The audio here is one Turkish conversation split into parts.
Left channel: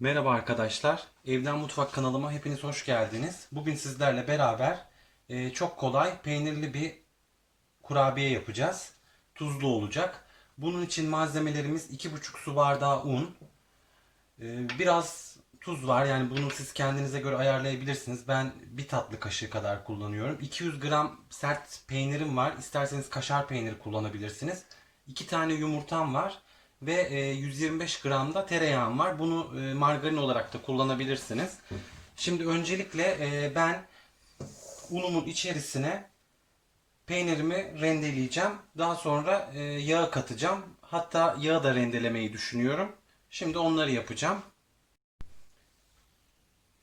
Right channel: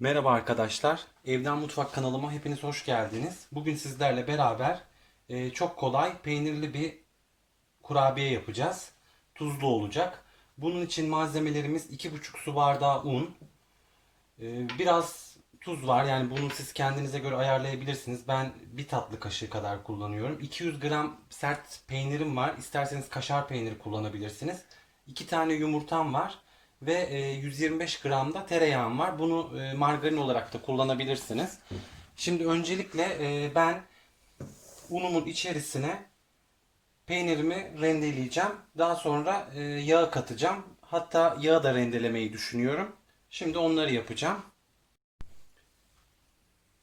Merhaba arkadaşlar. Evden Mutfak kanalıma hepiniz hoş geldiniz. Bugün sizlerle beraber e, çok kolay peynirli bir kurabiye yapacağız. Tuzlu olacak. Bunun için malzemelerimiz 2,5 su bardağı un. e, biraz tuz var. Yani bunu siz kendinize göre ayarlayabilirsiniz. Ben bir tatlı kaşığı kadar kullanıyorum. 200 gram sert peynirim var. İsterseniz kaşar peyniri kullanabilirsiniz. 2 tane yumurtam var ve e, 125 gram da tereyağım var. Bunu e, margarin olarak da kullanabilirsiniz. Şimdi öncelikle e, ben unumun içerisine peynirimi rendeleyeceğim. Daha sonra e, yağı katacağım. Hatta yağı da rendelemeyi düşünüyorum. Şimdi onları yapacağım.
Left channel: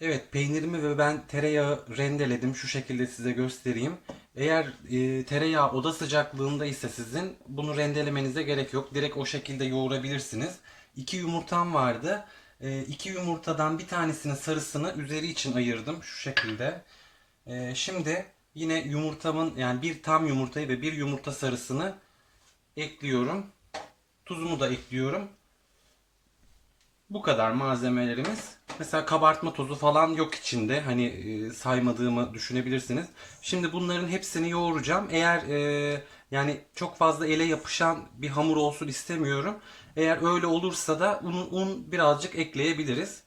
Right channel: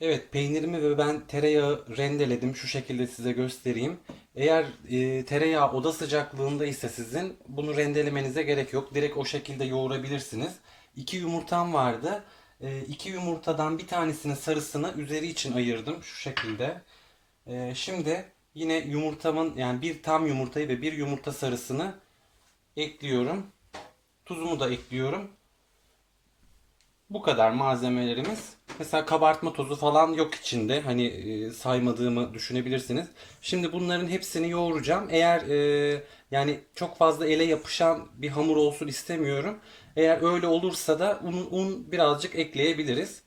Evet peynirimi ve ben tereyağı rendeledim. Şu şekilde size göstereyim. Eğer e, tereyağı oda sıcaklığında ise sizin bunu rendelemenize gerek yok. Direkt o şekilde yoğurabilirsiniz. İki yumurtam vardı. E, iki yumurtadan bir tanesinin sarısını üzeri için ayırdım. Şu şekilde. E, şimdi yine yumurtamın yani bir tam yumurtayı ve bir yumurta sarısını ekliyorum. Tuzumu da ekliyorum. Bu kadar malzemelerimiz. Mesela kabartma tozu falan yok içinde. Hani e, saymadığımı düşünebilirsiniz. Şimdi bunların hepsini yoğuracağım. Eğer e, yani çok fazla ele yapışan bir hamur olsun istemiyorum. Eğer öyle olursa da un, un birazcık ekleyebiliriz.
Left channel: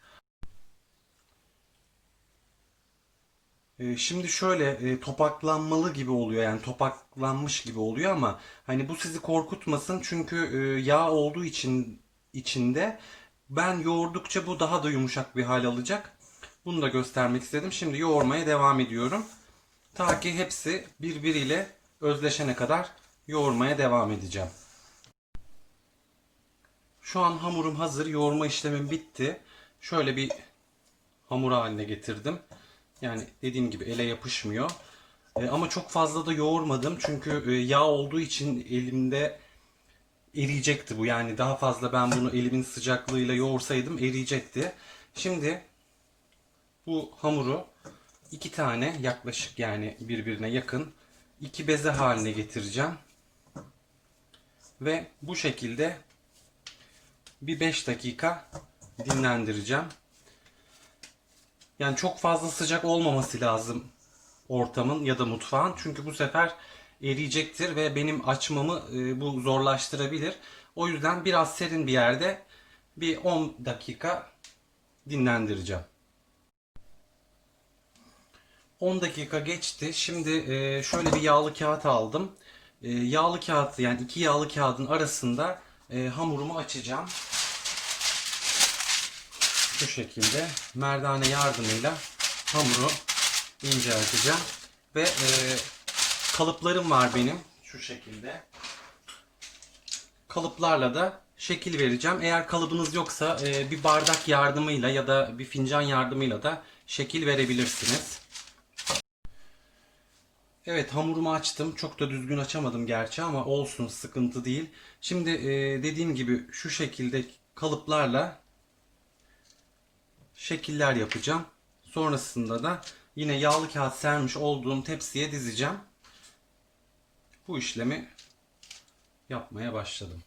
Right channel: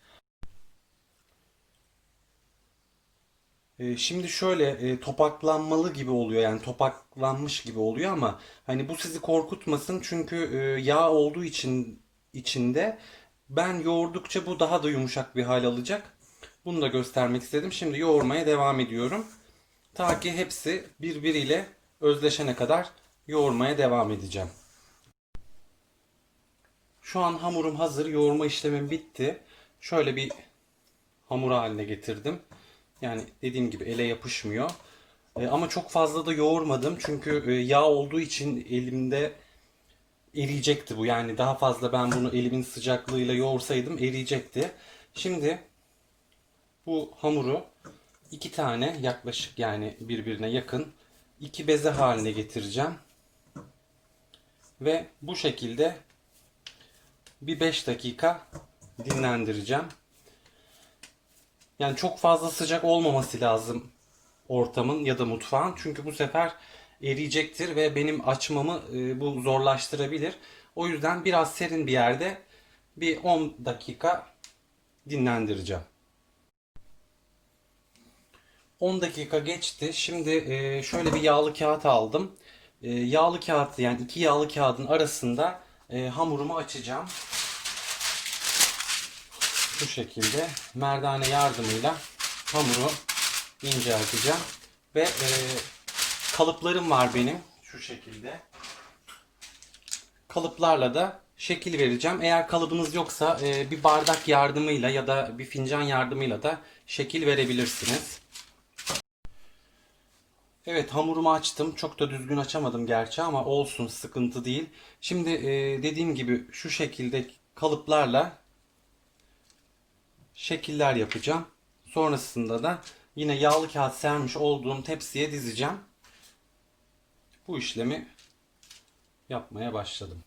E, Şimdi şöyle e, topaklanmalı gibi oluyor yani topaklanmış gibi oluyor ama hani bu sizi korkutmasın çünkü e, yağ olduğu için içinde ben yoğurdukça bu daha da yumuşak bir hal alacak. Bunu da göstermek istedim. Şimdi yoğurmaya devam ediyorum. Ta ki hepsi birbiriyle özleşene kadar yoğurmaya devam edeceğim. Şu an hamurum hazır. Yoğurma işlemim bitti. Şöyle bir hamur haline getirdim. Yani dediğim gibi ele yapışmıyor. E, ama çok fazla da yoğurmadım. Çünkü e, yağ olduğu için elimde eriyecekti bu. Yani daha fazla ben bunu elimin sıcaklığıyla yoğursaydım eriyecekti. Şimdi bu hamuru iki tane yaklaşık yani birbirine yakın iki beze haline getireceğim. Ve bu şekilde bir 5 dakika dinlendireceğim. Yani çok fazla sıcak olmaması lazım ortamın ya da mutfağın. Çünkü bu sefer eriyecektir ve benim açmamı e, bu zorlaştırabilir. O yüzden biraz serin bir yerde bir 10 dakika dinlendireceğim. 10 dakika geçti. Şimdi e, şöyle bir yağlı kağıt aldım. E, yağlı kağıt yani iki yağlı kağıdın arasında hamurumu açacağım. Şu şekilde merdane yardımıyla hamuru incelteceğim. Ve kalıplarım var benim. Şu şekilde. Kalıplarla da şekil vereceğim. Eğer kalıbınız yoksa e, bir bardak yardımıyla ya da bir fincan yardımıyla da şekil verebilirsiniz. Evet hamurumu açtım. Çok da düzgün açamadım gerçi ama olsun sıkıntı değil. Şimdi e, dediğim gibi şu şekilde kalıplarla şekiller yapacağım. Sonrasında da yine yağlı kağıt sermiş olduğum tepsiye dizeceğim. Bu işlemi yapmaya başladım.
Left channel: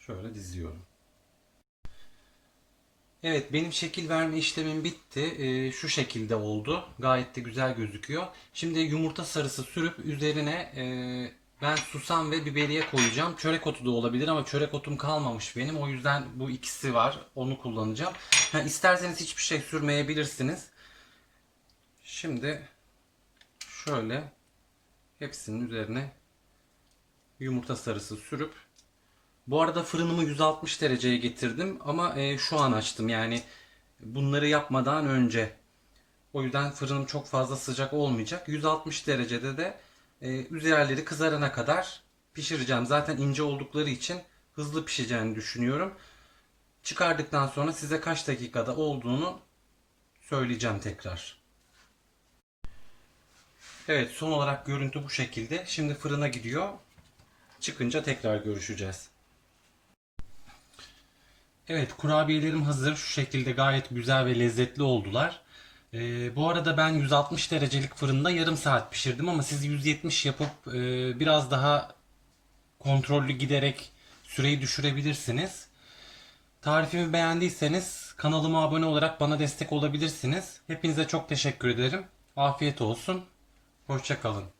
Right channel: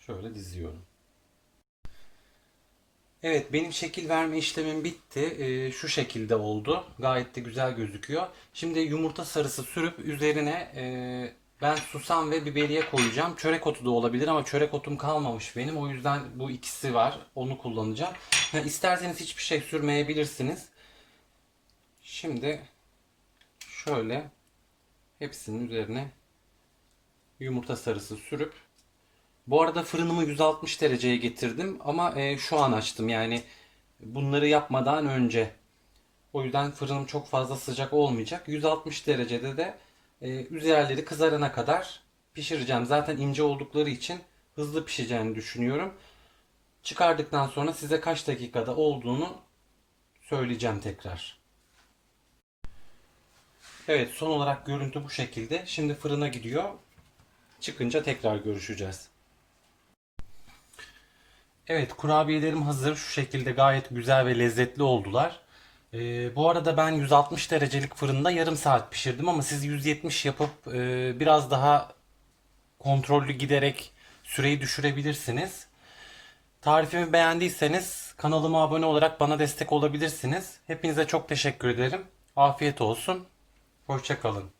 Şöyle diziyorum. Evet benim şekil verme işlemim bitti. Ee, şu şekilde oldu. Gayet de güzel gözüküyor. Şimdi yumurta sarısı sürüp üzerine e, ben susam ve biberiye koyacağım. Çörek otu da olabilir ama çörek otum kalmamış benim. O yüzden bu ikisi var. Onu kullanacağım. Ha, isterseniz hiçbir şey sürmeyebilirsiniz. Şimdi şöyle hepsinin üzerine yumurta sarısı sürüp bu arada fırınımı 160 dereceye getirdim ama e, şu an açtım yani bunları yapmadan önce. O yüzden fırınım çok fazla sıcak olmayacak. 160 derecede de e, üzerleri kızarana kadar pişireceğim. Zaten ince oldukları için hızlı pişeceğini düşünüyorum. Çıkardıktan sonra size kaç dakikada olduğunu söyleyeceğim tekrar. Evet son olarak görüntü bu şekilde. Şimdi fırına gidiyor. Çıkınca tekrar görüşeceğiz. Evet kurabiyelerim hazır. Şu şekilde gayet güzel ve lezzetli oldular. Ee, bu arada ben 160 derecelik fırında yarım saat pişirdim ama siz 170 yapıp e, biraz daha kontrollü giderek süreyi düşürebilirsiniz. Tarifimi beğendiyseniz kanalıma abone olarak bana destek olabilirsiniz. Hepinize çok teşekkür ederim. Afiyet olsun. Hoşçakalın.